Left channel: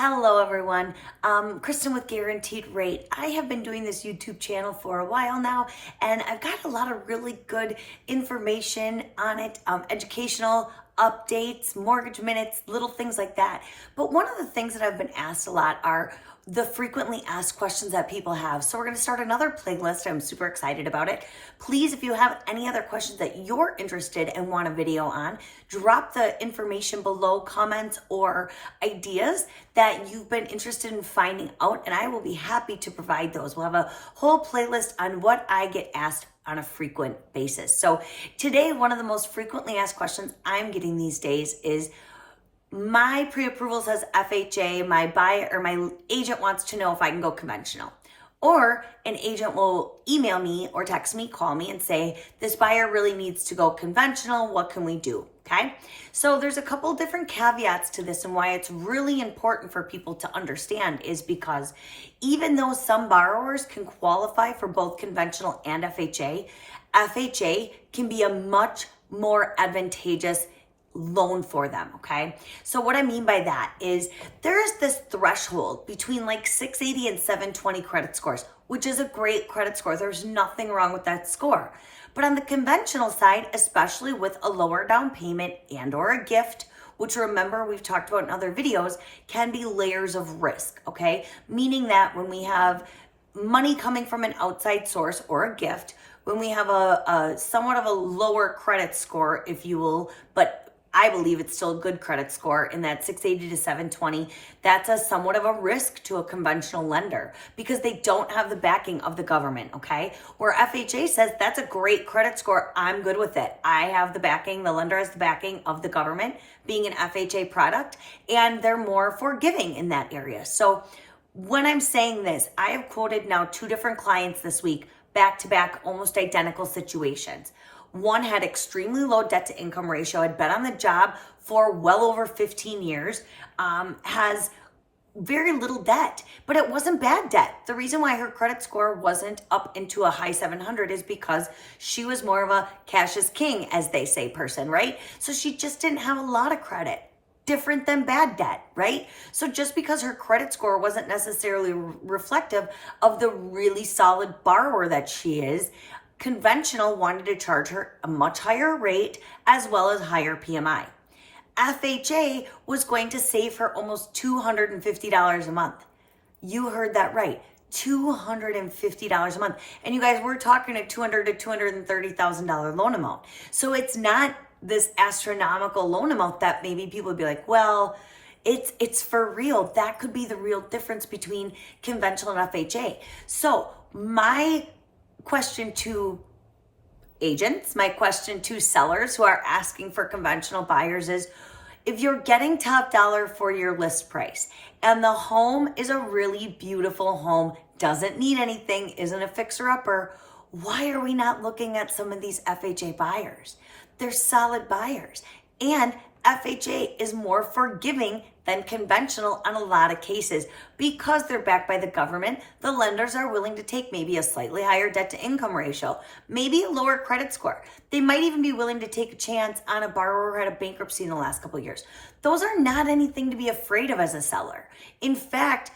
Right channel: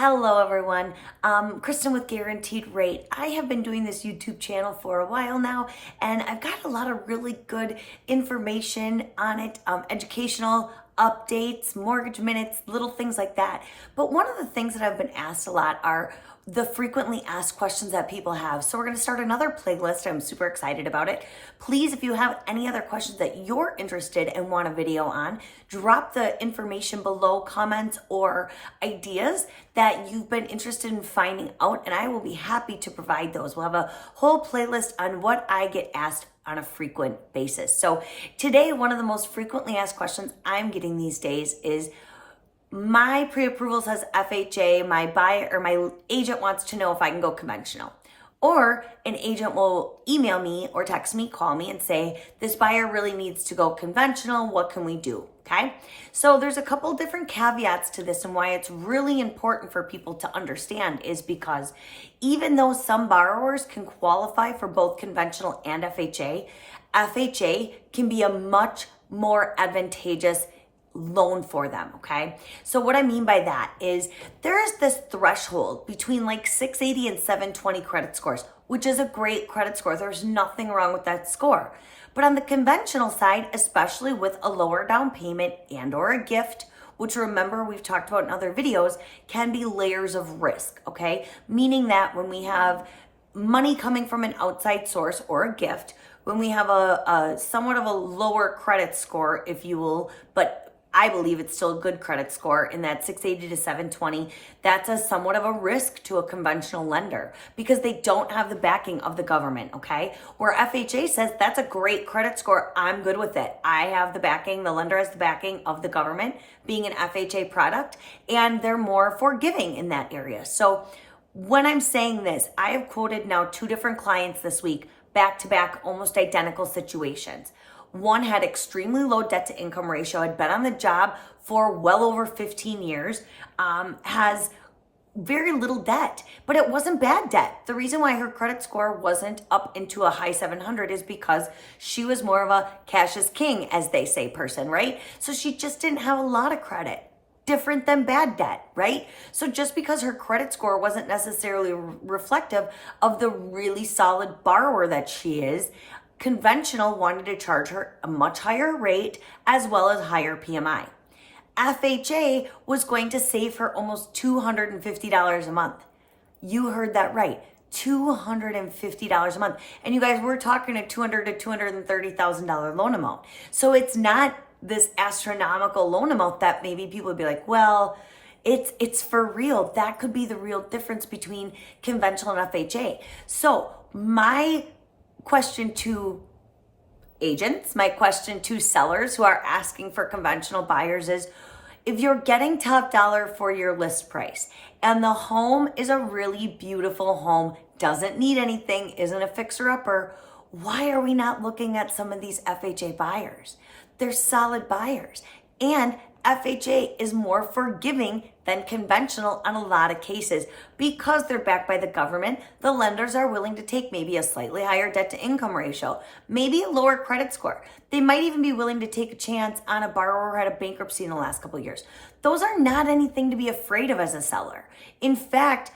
Hello everyone, Kristen with Guaranteed Rate. I have been doing this YouTube channel for a while now, and I've got a lot of really good information on it, educational updates, mortgage minutes, little things like that. But one of the things that I've been asked a lot are the frequently asked questions that people have. So we're gonna start another playlist. I'm super excited about it. Please, if you have any other questions that you're interested and want a video on, drop the information below, comments or ideas that you've been interested in finding out, and I will be happy to provide those. We'll have a whole playlist on what I get asked on a frequent basis. So today, one of the most frequently asked questions I'm getting these days is, my pre-approval says FHA, my buyer or my agent wants to know if I can go conventional. Or an agent will email me or text me, call me and say, this buyer really needs to go conventional. What can we do? Okay. So there's a couple different caveats to this, and why it's really important for people to understand is because even though some borrowers can qualify for both conventional and FHA can be a much more advantageous loan for them, okay? So what I mean by that is there is this threshold between like 680 and 720 credit scores, which is a great credit score. There's nothing wrong with that score. But on the conventional side, especially with a lower down payment and or a gift, which remember we've talked about in other videos, can be layers of risk, okay? Meaning that when we have money coming from an outside source or a gift, when we have a somewhat of a lower credit score, if you will, but I believe it's still a good credit score in that 680 to 720. That's a somewhat of a risk to a conventional lender because they don't have the backing of the government, okay? Where FHA says that's a great credit score, I'm good with it. I have the backing, the lender has the backing of the government being an FHA product, and they're more forgiving in that area. So when I'm saying this, I have quoted now 2 different clients this week, back-to-back, almost identical situations. One had extremely low debt to income ratio, had been on the job for well over 15 years, has very little debt, but it wasn't bad debt. The reason why her credit score wasn't up into a high 700 is because she was more of a cash is king, as they say, person, right? So she just didn't have a lot of credit. Different than bad debt, right? So just because her credit score wasn't necessarily reflective of the really solid borrower that she is, conventional wanted to charge her a much higher rate as well as higher PMI. FHA was going to save her almost $250 a month. You heard that right, $250 a month. And you guys, we're talking a $200,000 to $230,000 loan amount. So it's not this astronomical loan amount that maybe people would be like, well, it's for real. That could be the real difference between conventional and FHA. So my question to agents, my question to sellers who are asking for conventional buyers is, if you're getting top dollar for your list price and the home is a really beautiful home, doesn't need anything, isn't a fixer-upper, why are we not looking at some of these FHA buyers? They're solid buyers, and FHA is more forgiving than conventional on a lot of cases. Because they're backed by the government, the lenders are willing to take maybe a slightly higher debt to income ratio, maybe a lower credit score. They might even be willing to take a chance on a borrower who had a bankruptcy in the last couple of years. Those are not anything to be afraid of as a seller. In fact,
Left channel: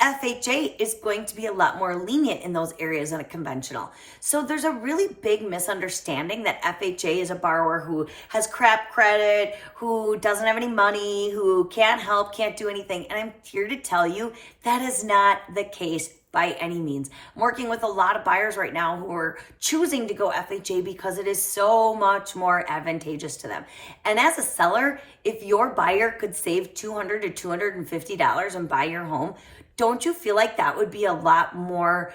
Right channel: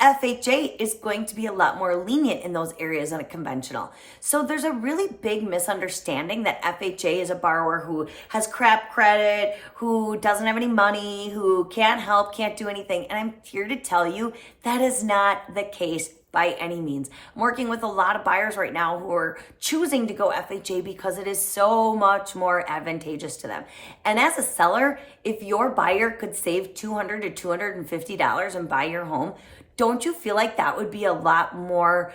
FHA is going to be a lot more lenient in those areas than a conventional. So there's a really big misunderstanding that FHA is a borrower who has crap credit, who doesn't have any money, who can't help, can't do anything. And I'm here to tell you that is not the case by any means. I'm working with a lot of buyers right now who are choosing to go FHA because it is so much more advantageous to them. And as a seller, if your buyer could save $200 to $250 and buy your home, don't you feel like that would be a lot more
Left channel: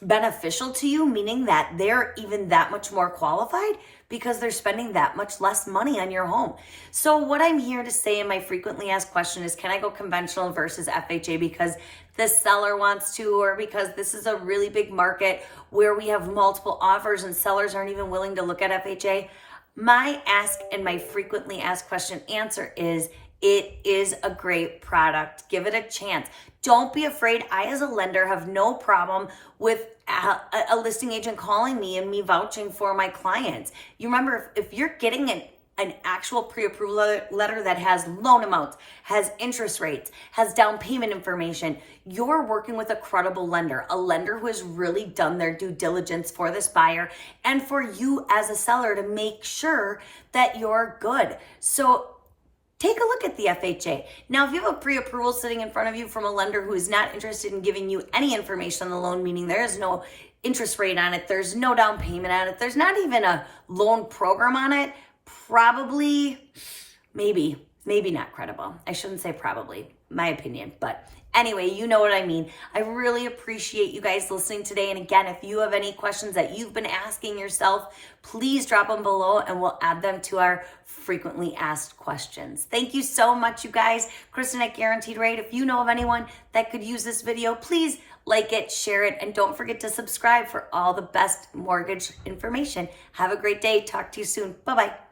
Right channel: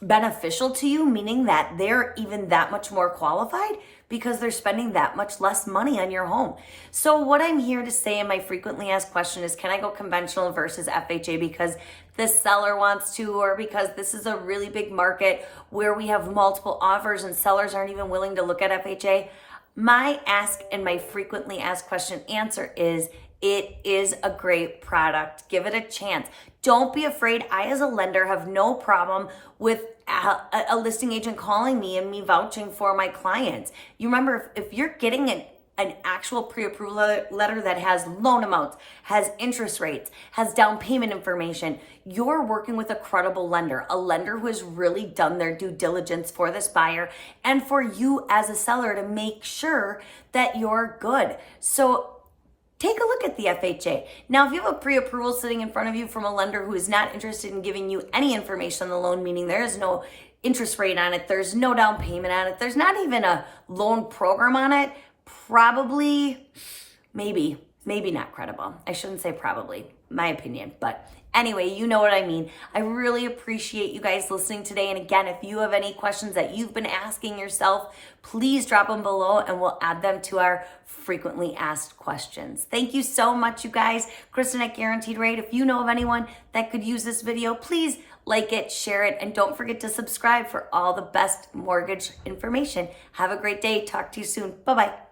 beneficial to you, meaning that they're even that much more qualified because they're spending that much less money on your home? So what I'm here to say in my frequently asked question is, can I go conventional versus FHA because the seller wants to, or because this is a really big market where we have multiple offers and sellers aren't even willing to look at FHA? My ask and my frequently asked question answer is, it is a great product. Give it a chance. Don't be afraid. I, as a lender, have no problem with a listing agent calling me and me vouching for my clients. You remember, if you're getting an actual pre-approval letter that has loan amounts, has interest rates, has down payment information, you're working with a credible lender, a lender who has really done their due diligence for this buyer and for you as a seller to make sure that you're good. So take a look at the FHA. Now, if you have a pre-approval sitting in front of you from a lender who is not interested in giving you any information on the loan, meaning there is no interest rate on it, there's no down payment on it, there's not even a loan program on it, probably, maybe not credible. I shouldn't say probably, my opinion, but anyway, you know what I mean. I really appreciate you guys listening today. And again, if you have any questions that you've been asking yourself, please drop them below and we'll add them to our frequently asked questions. Thank you so much, you guys. Kristen at Guaranteed Rate. If you know of anyone that could use this video, please like it, share it, and don't forget to subscribe for all the best mortgage information. Have a great day. Talk to you soon. Bye-bye.